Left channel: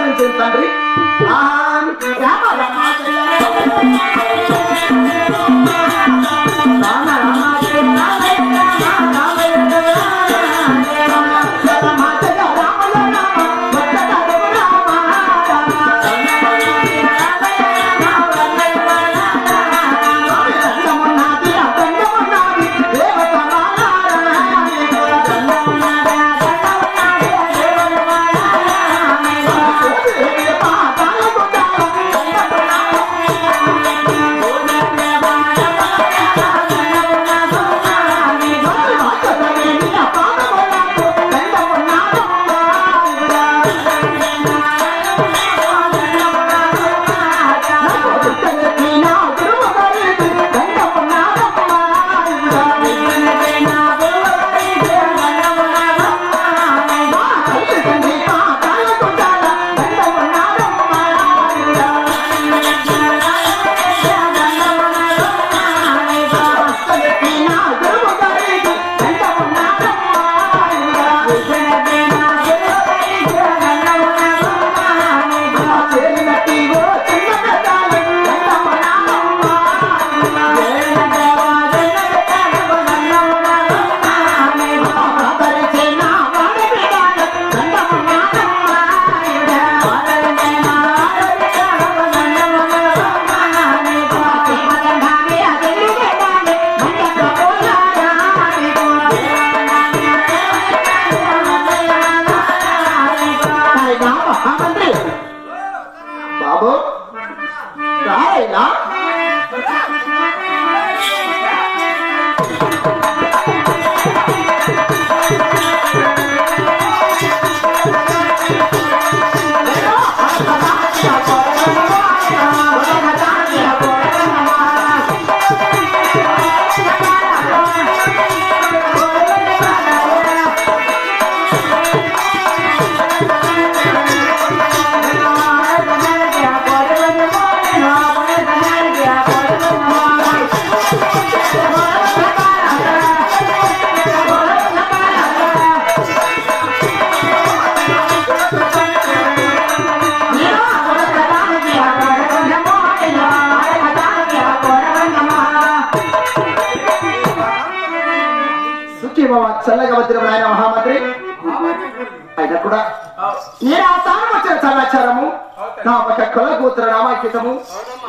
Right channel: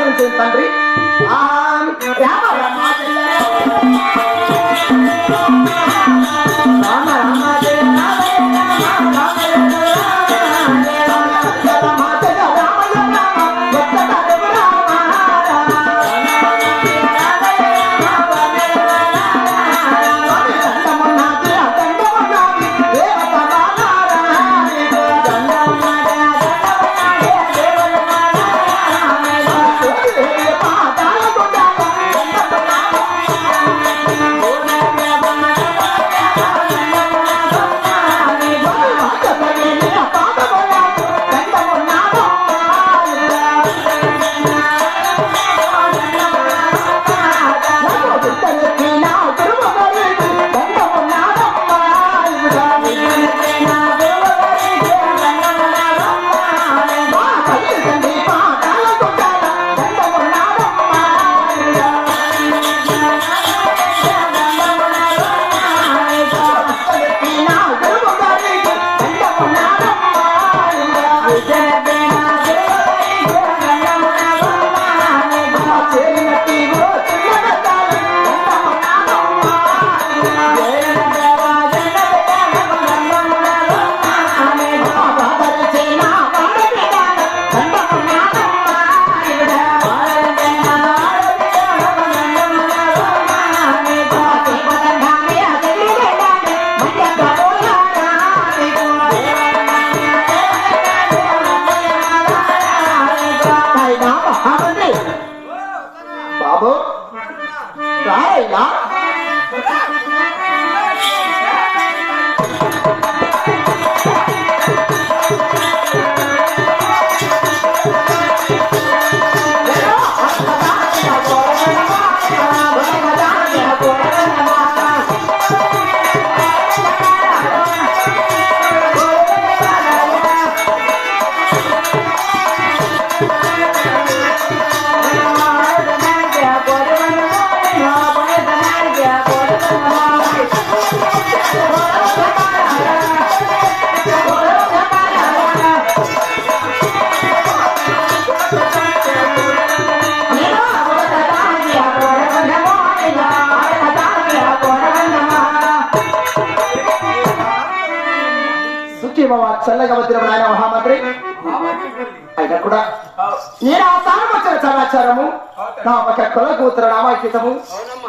ఆదరించిన తండ్రి బాబు రాయ్యా చల్లగా వచ్చిన ఆయన మహామంత్రి అయినా కూడా నేను ఆ తాను వచ్చిన సమాచారము నా ఒక కొల్ల కూతురు నామాంకితము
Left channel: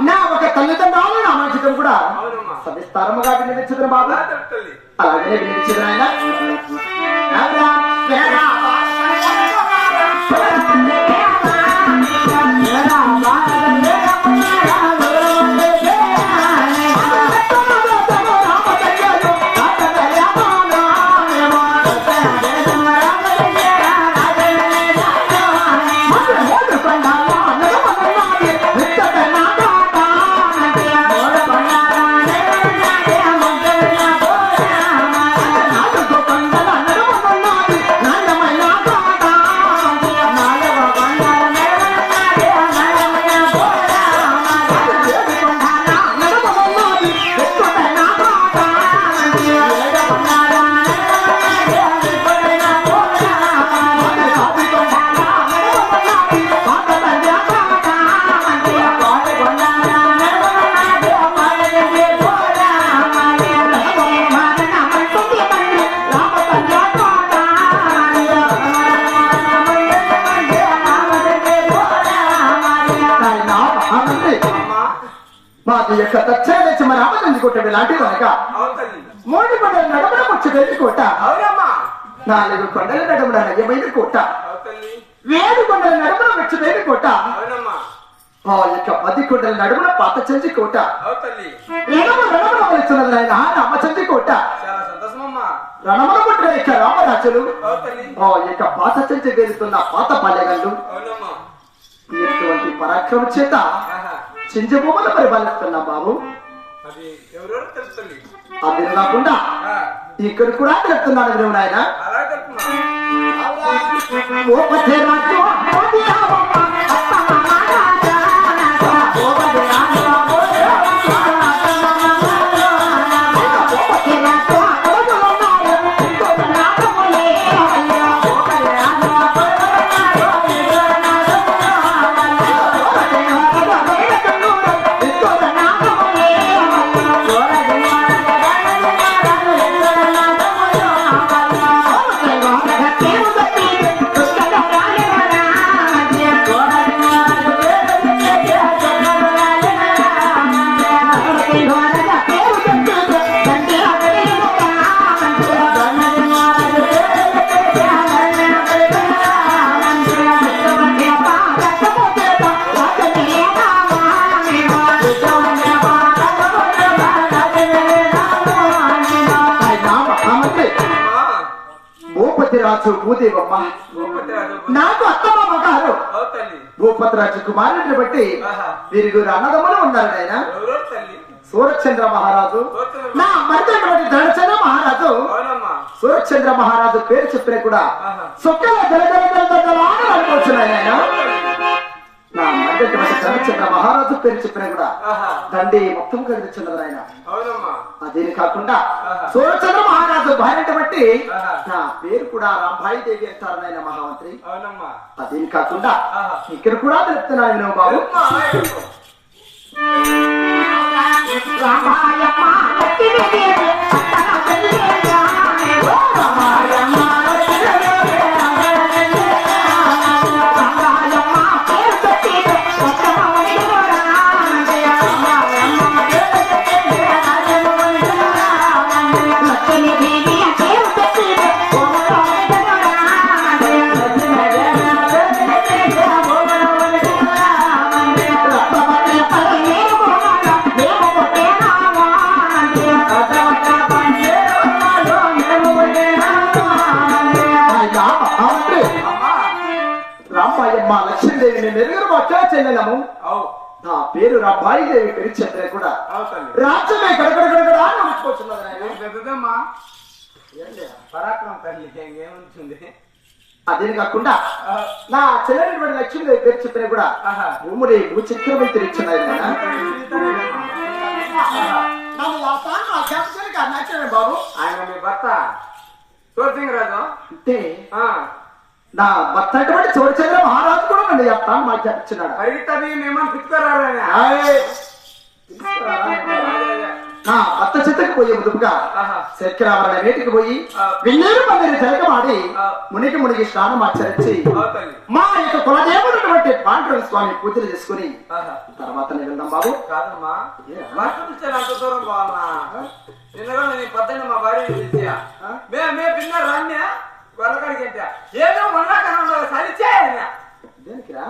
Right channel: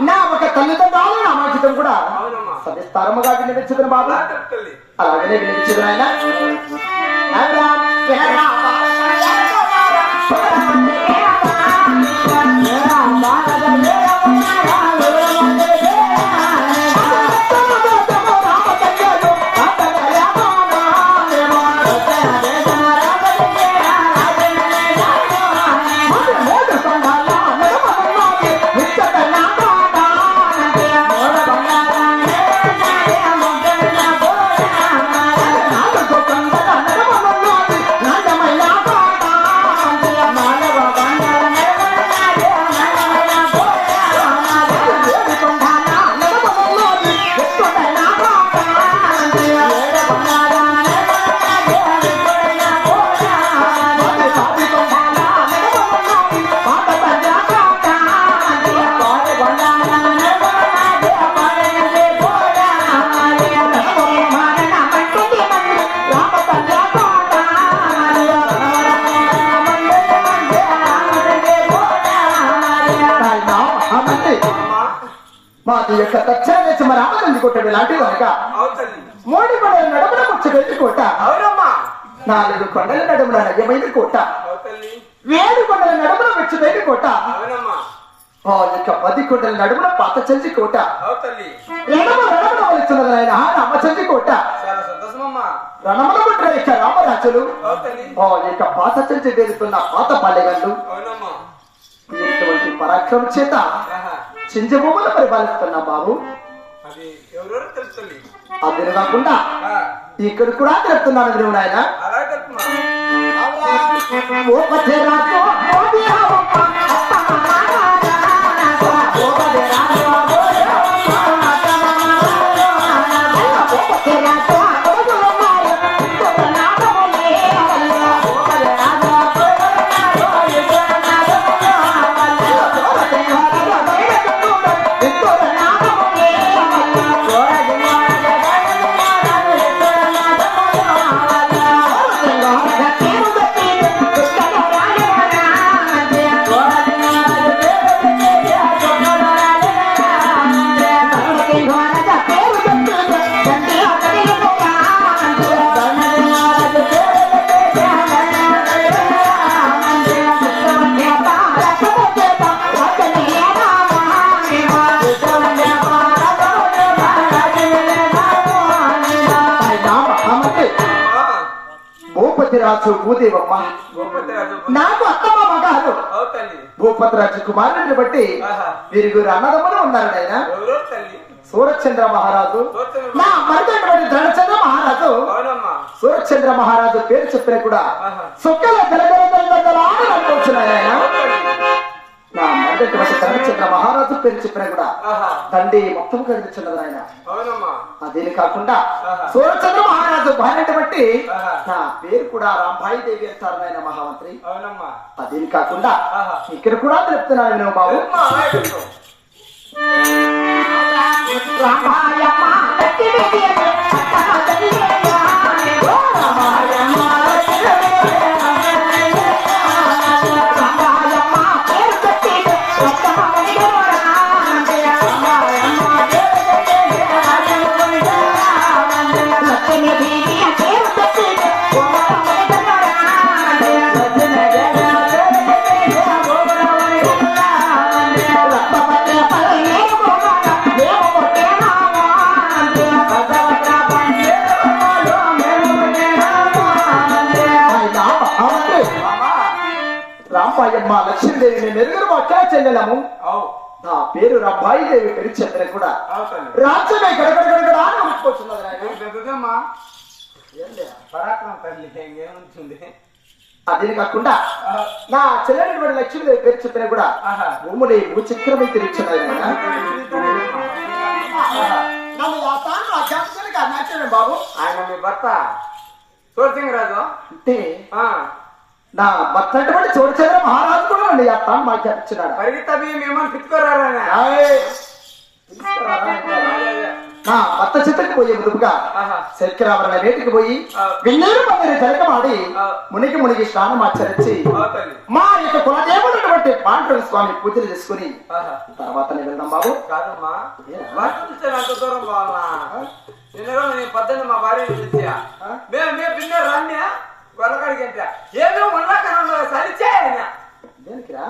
నా ఒక తల్లిదండ్రుల నామాంకితం కూడా సవిస్తారముగా వినిపించదు బాబా అలాగే వినిపించదు ఆయన మాది యొక్క తక్షణ రామనంది కొట్టడు లాంటి కనుక 3 కొండల నడుమున ముచ్చగెత్తి కోట 4 కొండల నడుమున నయ్యమైన కోట 7 కొండల నడుమున ముచ్చగెత్తి కోట ఆ యొక్క 10 కొండల నడుమున పాత చెంచి కోట రణమున వస్తున్నది ఆయన రామచంద్రి కోట రణమున పుట్టిన యొక్క రామరాజులు ఆ యొక్క పాత చెంచి వేరుతున్న పాత పాలెగళ్ళు ఇటువంటి పరాక్రమ చేత చింజభూములు పరిపాలిస్తున్నా బాబు అది కాకుండా ఇక్కడ కూడా తెలుపుతున్నాను నువ్వు నాయన రాజు భూదేవమ్మ నాకు అత్తమామ గారు భూపతిరాజు కుమారుడిని బట్టి వీరుగురు అన్నదమ్ములు ఉన్నారు ఆయన సూరచంద్ర మహారాజు నా మరిదైనటువంటి ధనచంద్ర మహారాజు సూరచంద్ర మహారాజు పేరు చెప్పిన కూడా సొక్కల అనుకోవచ్చున్నాయి ఆయన నా మరిదైనటువంటి ధనచంద్ర మహారాజు పేరు చెప్పిన కూడా దండి మొత్తం కనిపించున్నది ఆయన అదే కాకుండా సూరచంద్ర మహారాజు భార్యను బట్టి నా పేరు కూడా రాంబాయి దేవి అంటారు ఆయన మహామంత్రి అదే కాకుండా ఇక్కడ కూడా తెలుపుతున్నాను బాబు రాంబాయమ్మ లక్ష్మీదేవి నెరుగురు పక్క చెల్లెలము నా పేరు రాంబాయి దేవి పేరు చంద్ర కూడా రాజ్యమే గడగడగడగడా అదే కాకుండా నా చెల్లెలి లక్ష్మీదేవి పేరు చంద్ర కూడా ఉమ్మడి భూచక్రమే తిరిగిచ్చున్నాయి బాబు ఆయన మీ భర్త సూరసింగ్ రాజు అంటే నా భర్త అంటే సూరచంద్ర మహారాజు కూడా అండి అత్త మాకు చెప్తున్నాడు మేమని పిచ్చుకోరాలని నా భర్త చిత్రకి పోయే ముందుగా శక్రామల నీటికి పోయి విన్నీరు మందిని జలకమాడి మునికి స్నానం ఆచరించి మా యొక్క కులదేవుడు పాండురంగ స్వామి పూజలు చేసుకుని తర్వాత వెళ్దాం బాబు కాదమ్మా అంత దూరం పోవాలా నిన్నగా నేను పద్దెనిమిది మా భార్య పిలిచా మేము రాన్యా వరకడికి ఏదో వండాకన్నా సరిచే దేనికిరా